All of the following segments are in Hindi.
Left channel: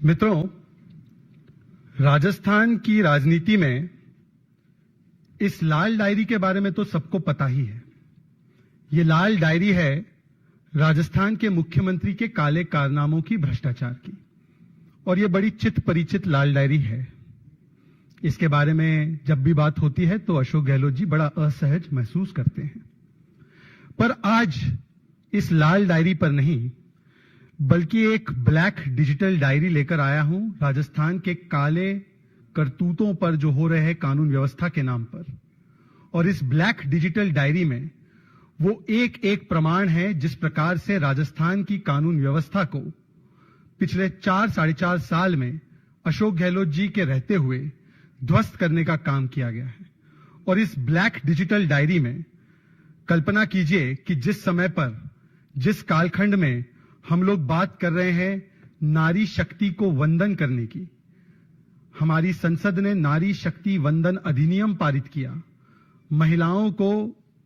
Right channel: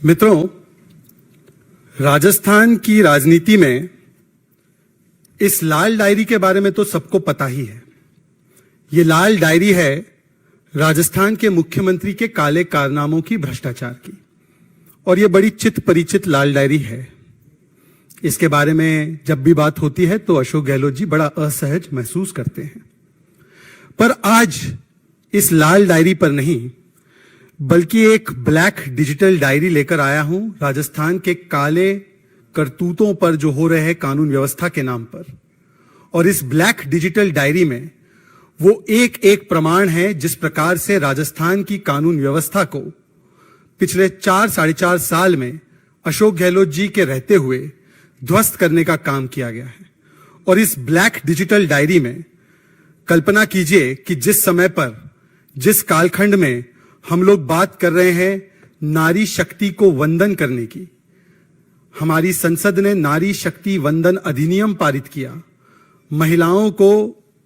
मित्रों, राजस्थान की राजनीति में इस लाल डायरी के बारे में तो सबको पता ही है। ये लाल डायरी है राजस्थान के मुख्यमंत्री के काले कारनामों की, भ्रष्टाचार की, और ये बड़ी चित परिचित लाल डायरी है। इसके बारे में जब भी बात होती है तो अशोक गहलोत जी बड़ा असहज महसूस करते हैं। पर आज इस लाल डायरी पर नहीं बल्कि एक ब्लैक डिजिटल डायरी लेकर आया हूं, राजस्थान के काले करतूतों पर जो हो रहे हैं कानून व्यवस्था के नाम पर। और इस ब्लैक डिजिटल डायरी में वो एक एक प्रमाण है जिस प्रकार से राजस्थान की कानून व्यवस्था को पिछले 4-4.5 साल में अशोक गहलोत जी के रहते हुए ध्वस्त करने का काम किया गया है। और इस ब्लैक डिजिटल डायरी में कल्पना कीजिए कि जिस समय पर, जिस कालखंड में हम लोग बात कर रहे हैं नारी शक्ति को वंदन करने की, हमारी संसद ने नारी शक्ति वंदन अधिनियम पारित किया, महिलाओं को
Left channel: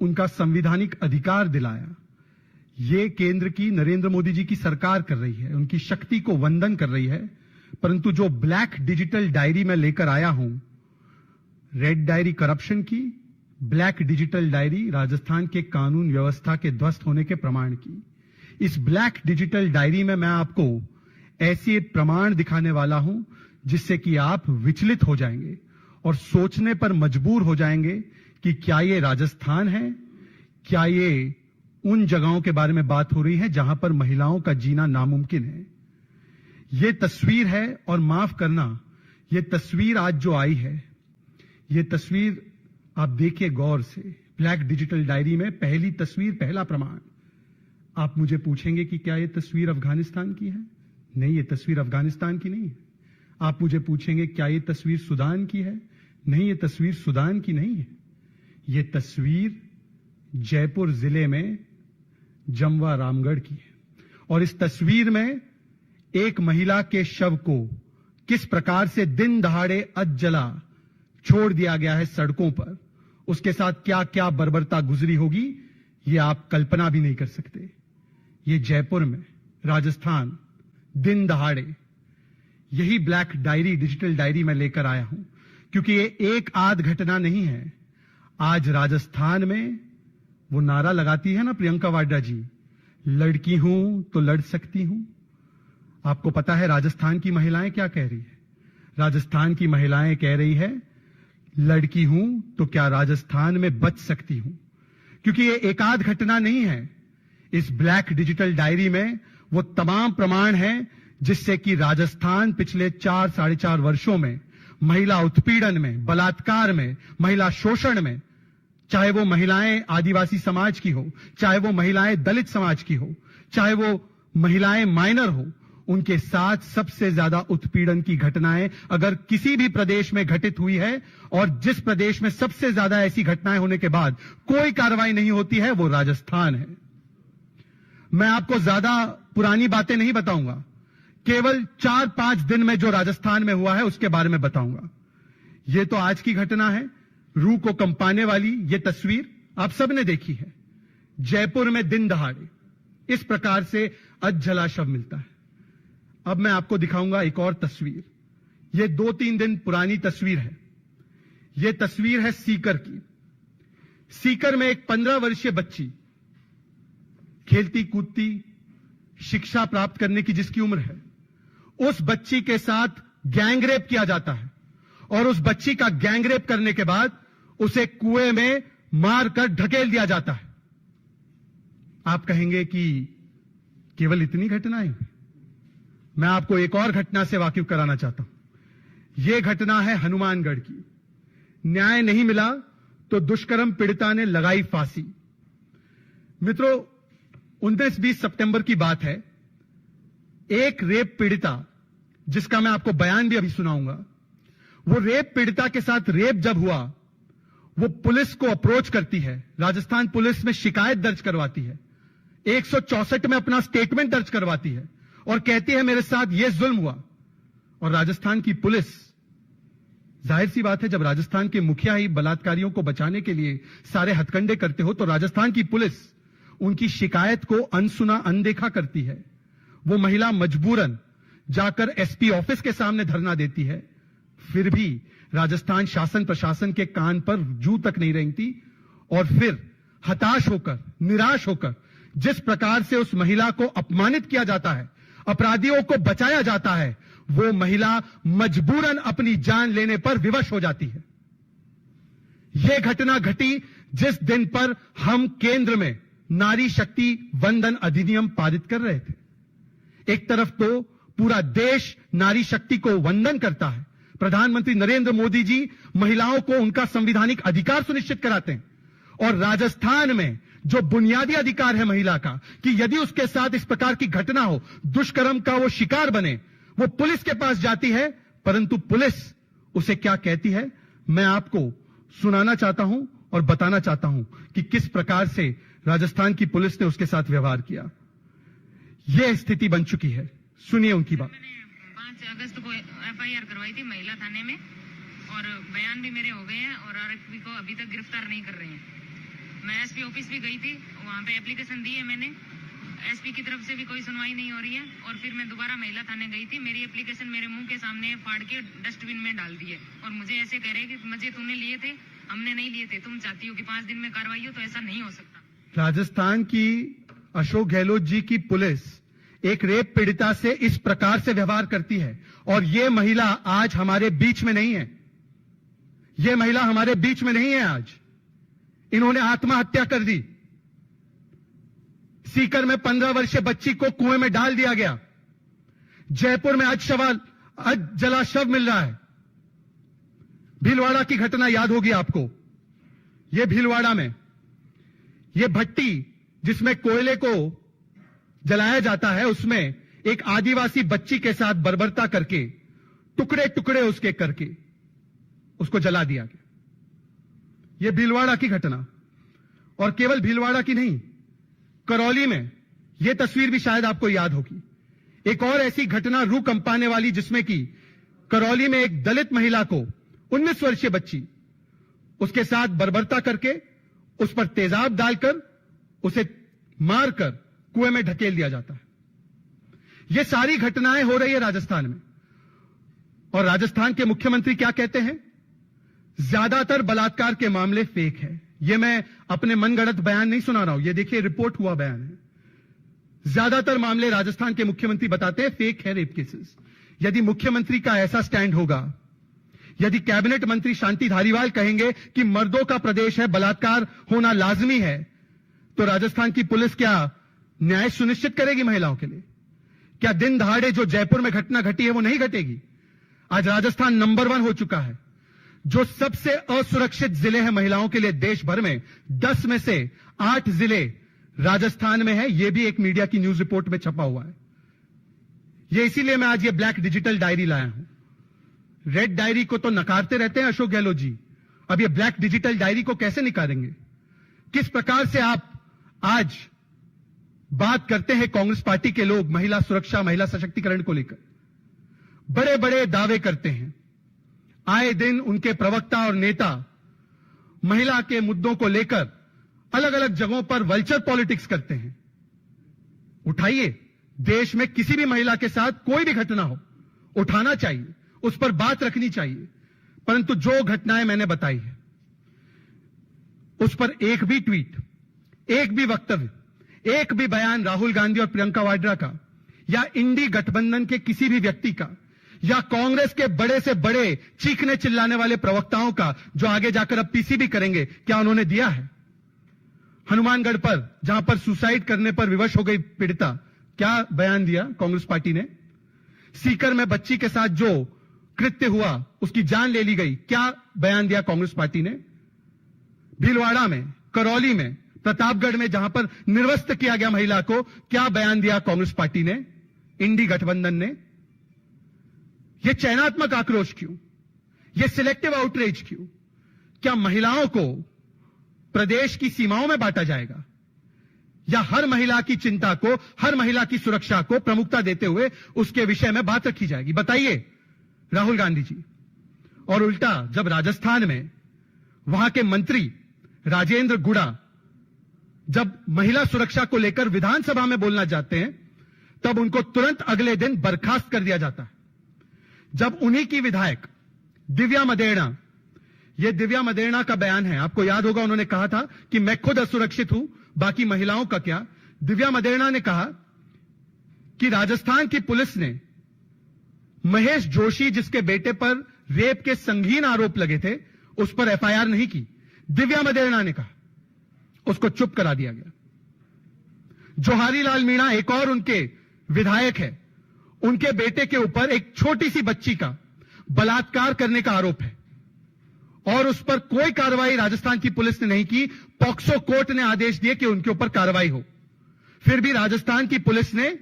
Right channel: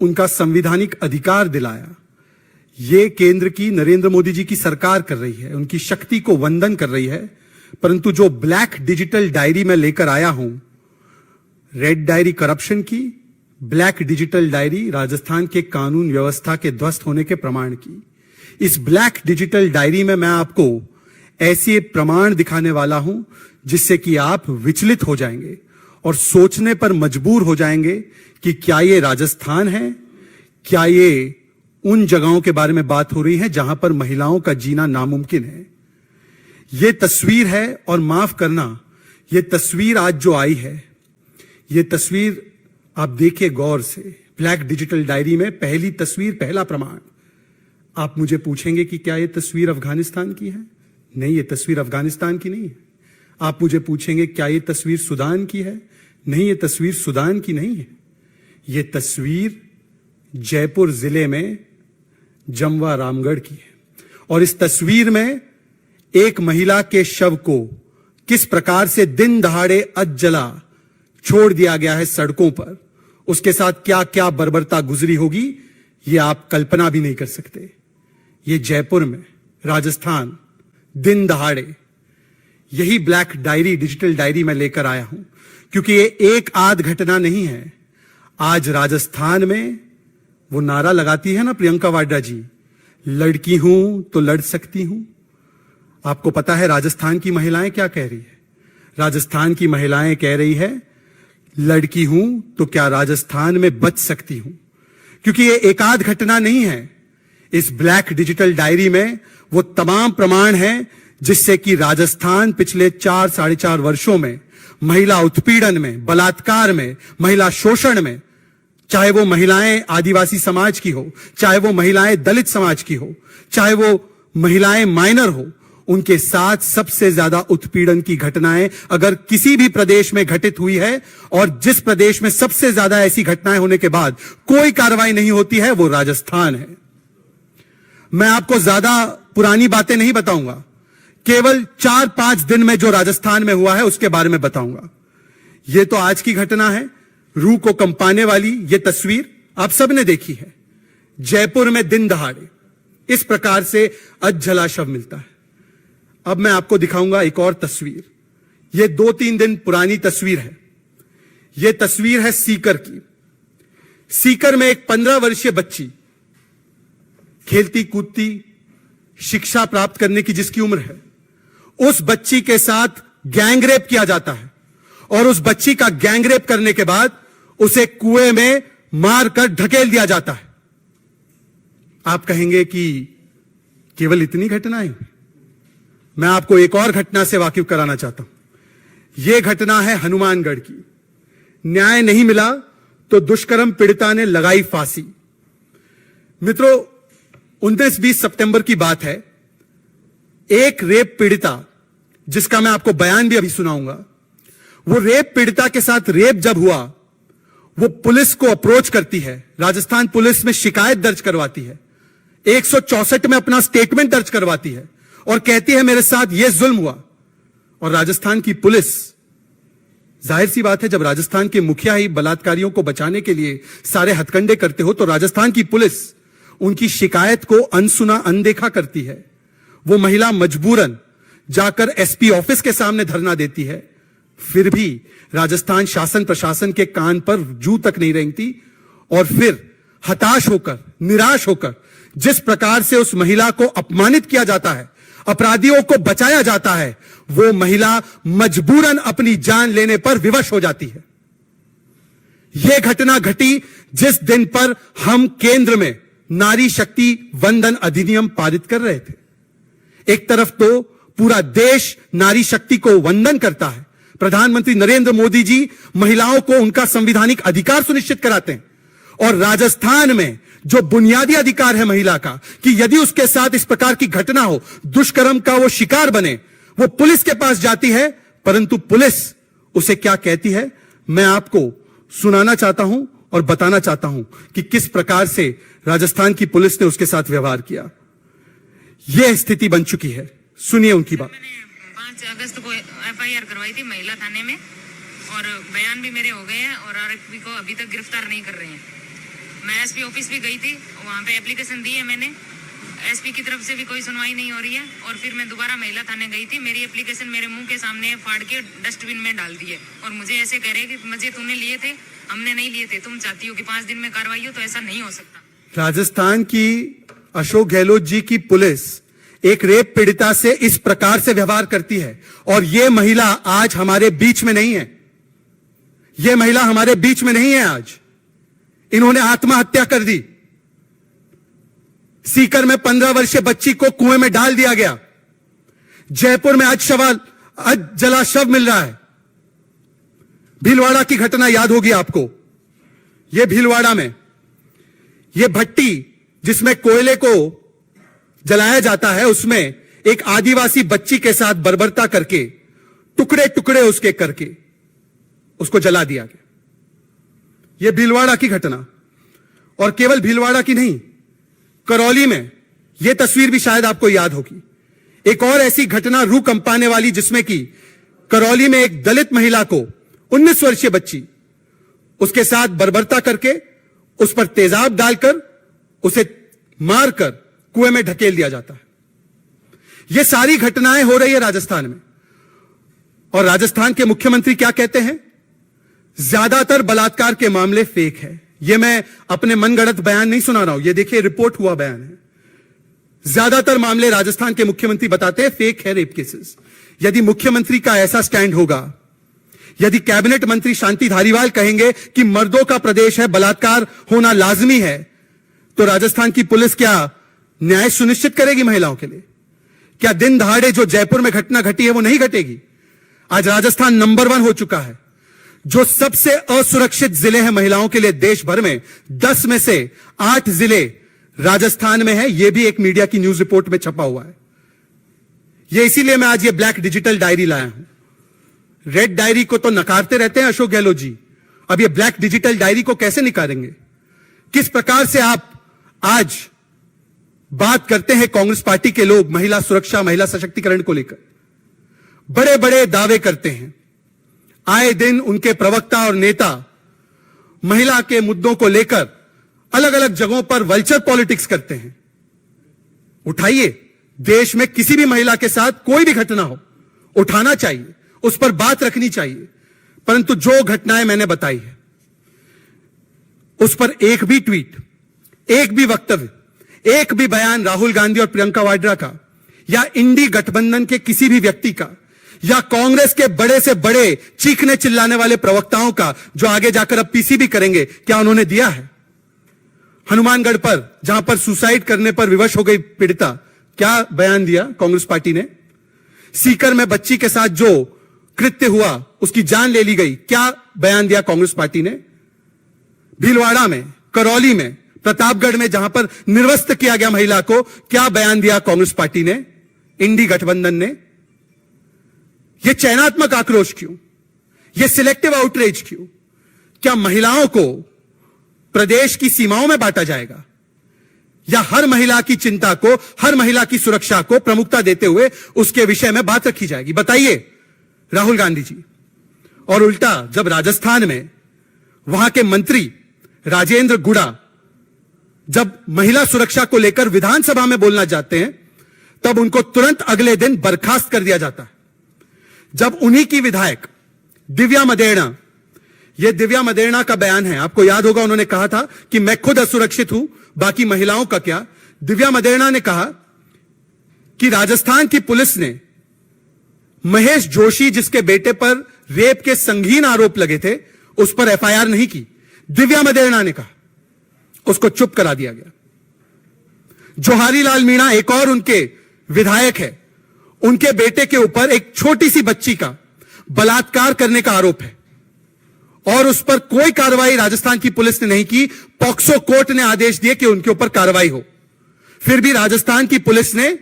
उनका संवैधानिक अधिकार दिलाया। ये केंद्र की नरेंद्र मोदी जी की सरकार कर रही है, उनकी शक्ति को वंदन कर रही है। परंतु जो ब्लैक डिजिटल डायरी में लेकर आया हूं, रेड डायरी करप्शन की, ब्लैक डिजिटल डायरी राजस्थान के कानून व्यवस्था के ध्वस्त होने के प्रमाण की। इस ब्लैक डिजिटल डायरी में मैं आपको ऐसे प्रमाण दिखाने वाला हूं जिससे कि आप विचलित हो जाएंगे और सोचने पर मजबूर हो जाएंगे कि क्या ये राजस्थान है, क्या ये उन जगहों के बारे में बात हो रही है जहां पर महिलाओं का जीना नामुमकिन है। ये तस्वीर है, और माफ करना, ये तस्वीर आज जो आई है, ये तस्वीर आप देखिए गौर से। ब्लैक डिजिटल डायरी में पहली तस्वीर, पहला प्रमाण। आप मुझे पूछेंगे कि क्या ये तस्वीर अफगानिस्तान की है? नहीं, ये तस्वीर अफगानिस्तान की नहीं है। आप मुझे पूछेंगे क्या ये तस्वीर सूडान की है? नहीं, ये तस्वीर सूडान की नहीं है। ये तस्वीर जयपुर जिले में जमवा रामगढ़ की है। और इस तस्वीर में एक महिला के शव को किस प्रकार से दिन दहाड़े अधजला छोड़ दिया गया है सड़कों पर, उसके साथ क्या क्या बर्बरता गुजरी होगी, ये आप कल्पना भी नहीं कर सकते। ये जयपुर में, राजस्थान, दिन दहाड़े। यही ब्लैक डायरी, डिजिटल डायरी में लेकर आया हूं क्योंकि ये एक आध घटना नहीं है। आज राजस्थान में वो नारा लगाती है ना प्रियंका वाड्रा जी, लड़की हूं तो लड़ सकती हूं। आपको पता है राजस्थान की महिलाएं क्या कह रही है? राजस्थान की महिलाएं कह रही है, लड़की हूं तो क्या राजस्थान में बच सकती हूं। क्योंकि ये एक आध घटना नहीं है। इस ब्लैक डिजिटल डायरी में वो तमाम प्रमाण हैं जिससे कि राजस्थान पिछले 4-4.5 वर्षों में महिला उत्पीड़न में, बलात्कार में, महिला शोषण में, चाहे वो महिलाएं आदिवासी समाज की हो, चाहे वो महिलाएं दलित समाज की हो, चाहे वो महिलाएं माइनर हो, उनके साथ सबसे ज्यादा उत्पीड़न की घटनाएं अगर किसी भी प्रदेश में घटित हुई है, और जिस प्रदेश में सबसे ज्यादा ऐसी घटनाएं होने के बाद कोई कार्रवाई नहीं होती है, वो राजस्थान है। मैं आपको ज्यादा पुरानी बातें नहीं बताऊंगा, केवल 4-5 दिन में जो राजस्थान में हुआ है उसके बारे में बताऊंगा। यह तो आज की घटना है, रूह को कंपाने वाली यह तस्वीर आप सबने देखी है। जयपुर में दिन दहाड़े इस प्रकार से अधजला शव मिलता है। अब मैं आपको दिखाऊंगा एक और तस्वीर। यह 2-3 दिन पुरानी तस्वीर है। यह तस्वीर है सीकर की। सीकर में एक 15 वर्षीय बच्ची, खेलती कूदती, शिक्षा प्राप्त करने की जिसकी उम्र है, उस बच्ची के साथ गैंगरेप किया जाता है। और उस बच्ची का गैंगरेप करने के बाद उसे कुएं में मारकर ढकेल दिया जाता है। आप कहेंगे कि केवल इतनी घटनाएं? मैं आपको एक और घटना से वाकिफ कराना चाहता हूं। यह घटना है हनुमानगढ़ की। न्याय नहीं मिला तो दुष्कर्म पीड़िता ने लगाई फांसी। मित्रों, 19-20 सितंबर की बात है। एक रेप पीड़िता, जिसका मैं आपको बयान भी अभी सुनाऊंगा, वो रेप पीड़िता के साथ रेप जब हुआ, वो पुलिस को अप्रोच करती है, राजस्थान पुलिस में शिकायत दर्ज करवाती है, 164 में अपना स्टेटमेंट दर्ज करवाती है और कहती है मेरे साथ ये जुल्म हुआ। और राजस्थान की पुलिस, जाहिर सी बात है, जब राजस्थान के मुखिया ही बलात्कारियों को बचाने के लिए सारे हथकंडे करते हो तो राजस्थान की पुलिस उनकी शिकायत को अनसुना अनदेखा करती है। वो महिला मजबूरन जाकर एसपी ऑफिस के सामने धरना देती है, फिर भी राजस्थान शासन प्रशासन के कान पर जू तक नहीं रेंगती और फिर हताश होकर, निराश होकर जिस प्रकार से उस महिला को अपमानित किया जाता है, अपराधियों को बचाया जाता है, वो महिला मजबूरन अपनी जान लेने पर विवश हो जाती है। यह घटना घटी जिस दिन पर हम केंद्र में नारी शक्ति वंदन अधिनियम पारित कर रहे थे। एक तरफ तो पूरा देश नारी शक्ति को वंदन करता है, प्रधानमंत्री नरेंद्र मोदी जी महिलाओं को उनका संवैधानिक अधिकार सुनिश्चित कराते हैं, और राजस्थान में जो बुनियादी अधिकार है महिला का कि यदि उसके साथ इस प्रकार की घटना हो, दुष्कर्म का वो शिकार बने, वो पुलिस के पास जाती है, परंतु पुलिस उसे क्या कहती है, मैं आपको सुनाना चाहता हूं और बताना चाहता हूं कि किस प्रकार से राजस्थान की पुलिस ने उसके साथ व्यवहार किया। यह स्थिति बन चुकी है। सुनिए उनकी बात। 5 अगस्त को एफआईआर करवाई थी महिला थाने में और बयान भी मेरे हो गए हैं और आरोपी को अभी तक गिरफ्तार नहीं कर रहे हैं। मैं एसपी ऑफिस भी गई थी, वहाँ पे एप्लीकेशन दी है मैंने, एसपी की तरफ से भी कोई सुनवाई नहीं हो रही है और फिर मैं दोबारा महिला थाने गई थी, मेरी एप्लीकेशन मेरे मुंह के सामने फाड़ के डस्टबिन में डाल दी है और मुझे ऐसे कह रहे हैं कि मुझे तूने लिए थे, हमने नहीं लिए थे, तुम चाहती हो कि 5 दिन में कार्रवाई हो, तो ऐसा नहीं हो सकता। राजस्थान की अशोक गहलोत जी की पुलिस एक रेप पीड़िता से इस प्रकार से व्यवहार करती है और यह महिला आज हमारे बीच में नहीं है। यह महिला हमारे बीच में नहीं है। आज इन्होंने आत्महत्या कर दी। सीकर में 15 वर्षीय बच्ची को कुएं में डाल दिया गया। जयपुर में आज जला शव मिल रहा है। भीलवाड़ा की घटना याद होगी आपको। यह भीलवाड़ा में यह भट्टी जिसमें कोयले को जलाया जाता है, उसमें एक आदिवासी बच्ची के साथ बर्बरता करके टुकड़े टुकड़े उसके करके उसको जला दिया गया। यह भीलवाड़ा की घटना, और केवल भीलवाड़ा की नहीं, करौली में यह तस्वीर भी शायद आपको याद होगी। एक और ऐसी घटना रूह कंपाने वाली, जिसमें कि करौली में एक दलित महिला को 19 वर्षीय बच्ची उसके साथ बर्बरता करके उस पर तेजाब डालकर उसे मारकर कुएं में ढकेल दिया जाता है। यह सारी घटनाएं हो रही है राजस्थान में, और राजस्थान के मुख्यमंत्री क्या कहते हैं, ज्यादातर बलात्कार के मामले फेक है। यह मैं अपने मनगढ़ंत बयान नहीं सुना रहा हूं, यह देखिए रिपोर्ट हुआ बयान है। ज्यादातर मामले राजस्थान के मुख्यमंत्री बताते हैं फेक है, रेप केसेस। यदि मुख्यमंत्री का ऐसा स्टैंड होगा, यदि कैबिनेट मंत्री शांति धारीवाल कहेंगे कि मर्दों का प्रदेश है, बलात्कार होना लाजमी है, तो राजस्थान की पुलिस क्या न्याय सुनिश्चित करेगी महिलाओं के लिए? क्या दिन दहाड़े जो जयपुर में घटना घटी है वो नहीं घटेगी? आज राजस्थान नंबर 1 हो चुका है। जो सबसे असुरक्षित जिले हैं महिलाओं के लिए देश भर में, 10 में से 8 जिले राजस्थान में है। यह भी एक मीडिया की न्यूज रिपोर्ट में छपा हुआ है। यह इसीलिए मैं आज ये ब्लैक डिजिटल डायरी लाया हूं। रेड डायरी को तो नकारते रहते हैं अशोक गहलोत जी, अब ये ब्लैक डिजिटल डायरी को कैसे निकालेंगे? किस प्रकार से आप आज बात करते हैं कांग्रेस पार्टी के लोग महिला सुरक्षा, महिला सशक्तिकरण को लेकर, बड़े बड़े दावे करते हैं। आए दिन उनके प्रवक्ता और नेता महिला के मुद्दों को लेकर अलग अलग जगहों पर वल्चर पॉलिटिक्स करते हैं। उठाइए, देश में किसी भी महिला के साथ कोई भी घटना हो, उठाना चाहिए, उस पर बात रखनी चाहिए, परंतु जो घटनाएं मैंने बताई है उस पर एक भी ट्वीट, एक भी वक्तव्य, एक भी बयान राहुल गांधी और प्रियंका वाड्रा का, या इंडी गठबंधन के किसी भी व्यक्ति का, या कांग्रेस के बड़े से बड़े चीखने चिल्लाने वाले प्रवक्ताओं का, जो आगे जाकर अब पीसीबी करेंगे, क्या उन्होंने दिया है? हनुमानगढ़ पर जहां पर सुसाइड करने पर विवश हो गई पीड़िता, क्या बयान दिया कांग्रेस पार्टी ने? सीकर में बच्ची के साथ जो कृत्य हुआ, उसकी जान ले ली गई, क्या बयान दिया कांग्रेस पार्टी ने? भीलवाड़ा में, करौली में, प्रतापगढ़ में जहां पर निर्वस्त्र किया गया महिला को, क्या बयान दिया कांग्रेस पार्टी ने, इंडी गठबंधन ने? यह चयनात्मक आक्रोश क्यों? यह सिलेक्टिव आउटरीच क्यों? क्या महिलाओं को प्रदेश की सीमाओं में बांटा जाएगा, या हर महिला की चिंता को, हर महिला की सुरक्षा को प्रमुखता देते हुए उसके विषय में बात रखी जाएगी? बताइए राहुल गांधी जी। और उल्टा जब राजस्थान में वहां के मंत्री राजेंद्र गुड़ा जब महिला सुरक्षा को लेकर विधानसभा में बोलना चाहते हैं, तब उनको तुरंत अगले दिन बर्खास्त कर दिया जाता है। जब उन्हीं की विधायक दिव्या मदेरणा, यह दिव्या मदेरणा का बयान है, आपको याद होगा उन्होंने कहा था कि मैं खुद असुरक्षित हूं, बाकी महिलाओं का क्या। दिव्या मदेरणा ने कहा कि राजस्थान की पुलिस ने महेश जोशी, जिसके बेटे पर रेप के संगीन आरोप लगे थे, उस पर एफआईआर नहीं की। दिव्या मदेरणा ने कहा, उसको चुप करा दिया गया। जोहारी लाल मीणा एक और उनके विधायक है, उनके बेटे के ऊपर एक छोटी सी बच्ची का बलात्कार करने का आरोप है और उस पर कोई कार्रवाई राजस्थान की पुलिस ने नहीं की। पॉक्सो कोर्ट ने आदेश दिए कि उनके ऊपर कार्रवाई हो। फिर भी राजस्थान की पुलिस ने,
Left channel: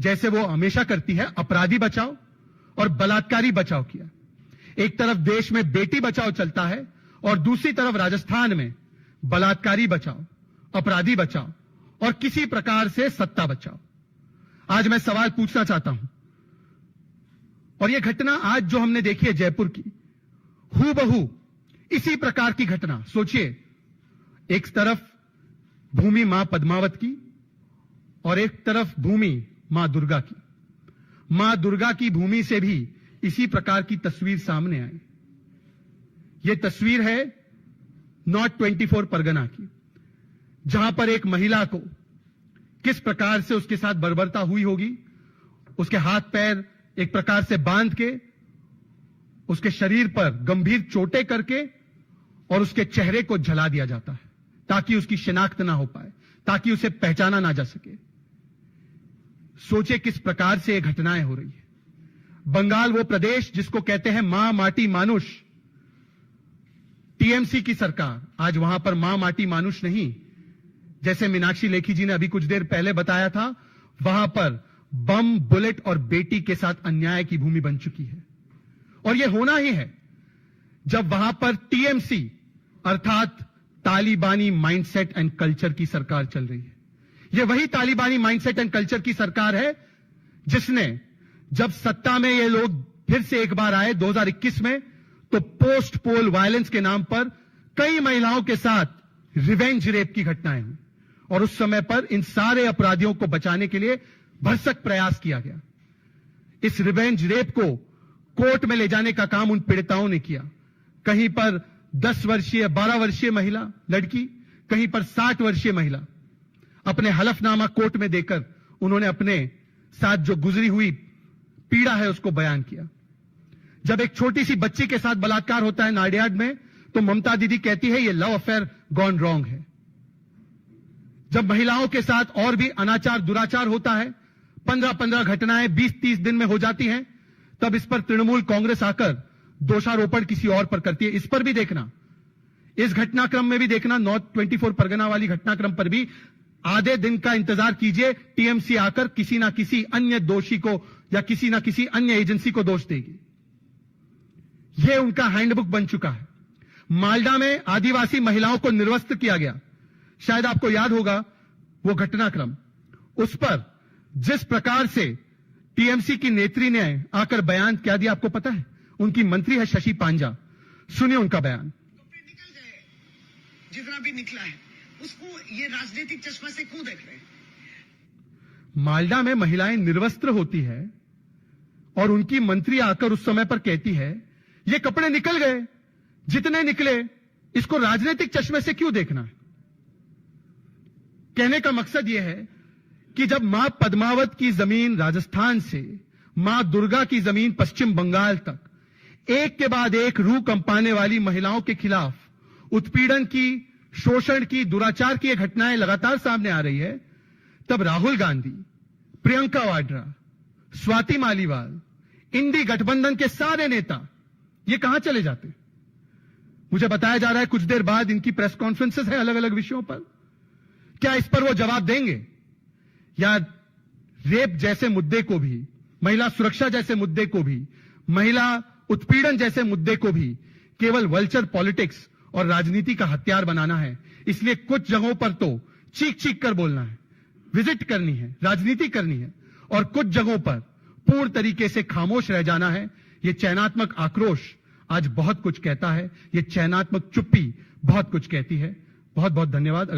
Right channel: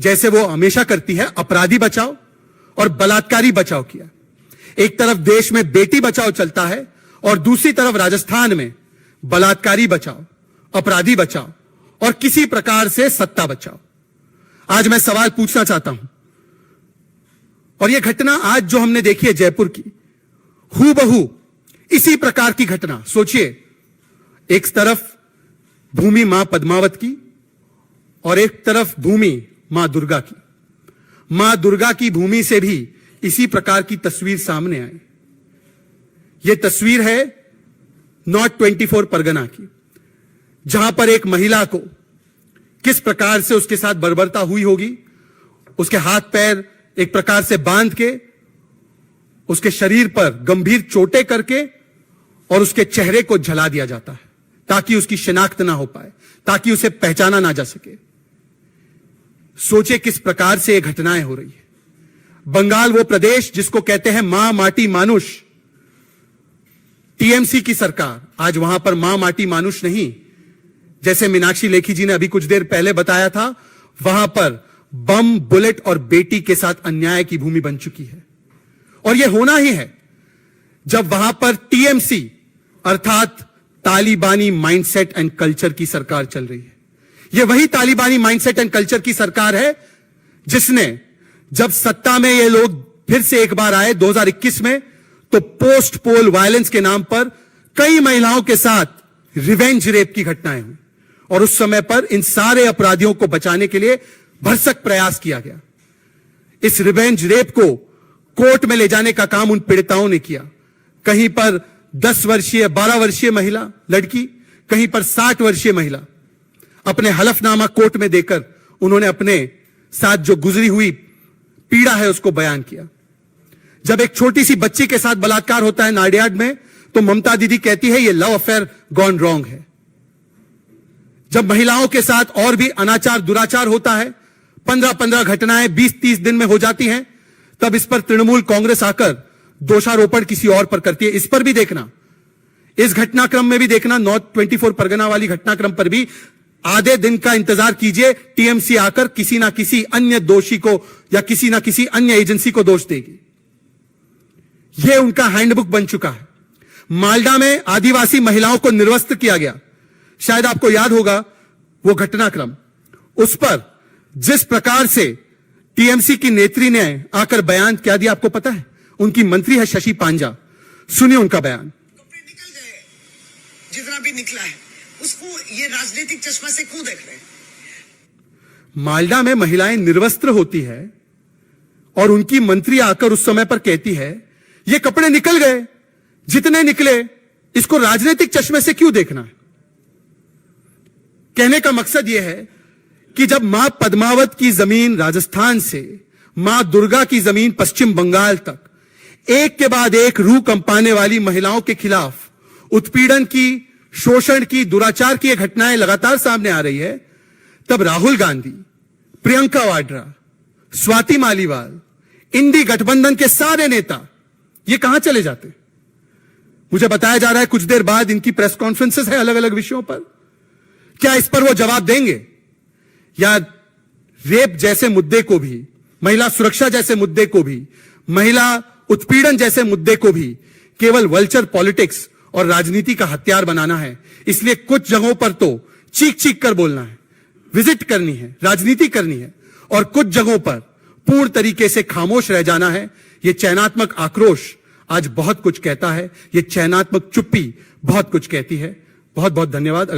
जैसे वो हमेशा करती है, अपराधी बचाओ और बलात्कारी बचाओ किया। एक तरफ देश में बेटी बचाओ चलता है और दूसरी तरफ राजस्थान में बलात्कारी बचाओ, अपराधी बचाओ और किसी प्रकार से सत्ता बचाओ। आज मैं सवाल पूछना चाहता हूं, और यह घटना आज जो हमने देखी है जयपुर की, हूबहू इसी प्रकार की घटना सोचिए। एक तरफ भूमि मां पद्मावत की और एक तरफ भूमि मां दुर्गा की। मां दुर्गा की भूमि से भी इसी प्रकार की तस्वीर सामने आई। यह तस्वीर है नॉर्थ 24 परगना की, जहां पर एक महिला को किस प्रकार से उसके साथ बर्बरता हुई होगी। उसके हाथ पैर एक प्रकार से बांध के, उसके शरीर पर गंभीर चोटें करके और उसके चेहरे को जला दिया जाता है ताकि उसकी शिनाख्त ना हो पाए, ताकि उसे पहचाना ना जा सके। सोचे किस प्रकार से ये घटनाएं हो रही है। बंगाल वो प्रदेश जिसको कहते हैं मां माटी मानुष, टीएमसी की सरकार आज वहां पर मां माटी मानुष नहीं, जैसे मीनाक्षी लेखी जी ने अभी कुछ देर पहले बताया था, वहां पर बम, बुलेट और बेटी के साथ अन्याय की भूमि बन चुकी है। और यह होना ही है जब वहां पर टीएमसी अर्थात तालिबानी माइंडसेट एंड कल्चर की सरकार चल रही है। यह वही तालिबानी माइंडसेट एंड कल्चर की सरकार है जिसने, जब सत्ता में ये लोग फिर से एक बार आए 2021 में, तो पोस्ट पोल वायलेंस के नाम पर कई महिलाओं के साथ रिवेंज रेप की घटनाएं हुई और उस समय पर इन सारे अपराधियों को बचाने के लिए भरसक प्रयास किया गया। इस रिवेंज रेप को कोर्ट में ले जाने का काम उन पीड़िताओं ने किया। कहीं पर 10 वर्षीय 12 वर्षीय महिला लड़की, कहीं पर 60 वर्षीय महिला, अपने हलफनामा कोर्ट में देकर उन्होंने अपने साथ जो गुजरी हुई पीड़ा है उसको बयान किया। जब एक छोटी सी बच्ची के साथ बलात्कार होता है नाडियाड में, तो ममता दीदी कहती है ये लव अफेयर गॉन रॉन्ग है। जब महिलाओं के साथ और भी अनाचार दुराचार होता है, 15-15 घटनाएं 20-30 दिन में हो जाती हैं, तब इस पर तृणमूल कांग्रेस आकर दोषारोपण किसी और पर करती है। इस पर भी देखना, इस घटनाक्रम में भी देखना, नॉर्थ 24 परगना वाली घटनाक्रम पर भी आधे दिन का इंतजार कीजिए, टीएमसी आकर किसी ना किसी अन्य दोषी को या किसी ना किसी अन्य एजेंसी को दोष देगी। यह उनका हैंडबुक बन चुका है। मालडा में आदिवासी महिलाओं को निर्वस्त्र किया गया, शायद आपको याद होगा वो घटनाक्रम। उस पर जिस प्रकार से टीएमसी की नेत्री ने आकर बयान क्या दिया आपको पता है? उनकी मंत्री है शशि पांजा, सुनिए उनका बयान। कपड़े निकल जाए, जितना भी निकला है उसको ये राजनीतिक चश्मा से क्यों देख रहे हैं? मालडा में महिलाएं निर्वस्त्र होती है और उनकी मंत्री आकर उस समय पर कहती है ये कपड़े निकल गए, जितने निकले, इसको राजनीतिक चश्मे से क्यों देखना है? कहने का मकसद यह है कि जब मां पद्मावत की जमीन राजस्थान से मां दुर्गा की जमीन पश्चिम बंगाल तक एक के बाद एक रूह कंपाने वाली महिलाओं के खिलाफ उत्पीड़न की, शोषण की, दुराचार की ये घटनाएं लगातार सामने आ रही है, तब राहुल गांधी, प्रियंका वाड्रा, स्वाति मालीवाल, इंडी गठबंधन के सारे नेता ये कहां चले जाते हैं? मुझे बताया जा रहा है कुछ देर बाद इनकी प्रेस कॉन्फ्रेंसेस है अलग अलग विषयों पर। क्या इस पर वो जवाब देंगे? या रेप जैसे मुद्दे को भी, महिला सुरक्षा जैसे मुद्दे को भी, महिला उत्पीड़न जैसे मुद्दे को भी केवल वल्चर पॉलिटिक्स और राजनीति का हथियार बनाना है? इसलिए कुछ जगहों पर तो चीख चीख कर बोलना है, विजिट करनी है, राजनीति करनी है, और कुछ जगहों पर पूर्ण तरीके से खामोश रह जाना है। यह चयनात्मक आक्रोश आज बहुत कुछ कहता है, यह चयनात्मक चुप्पी बहुत कुछ कहती है। बहुत बहुत धन्यवाद।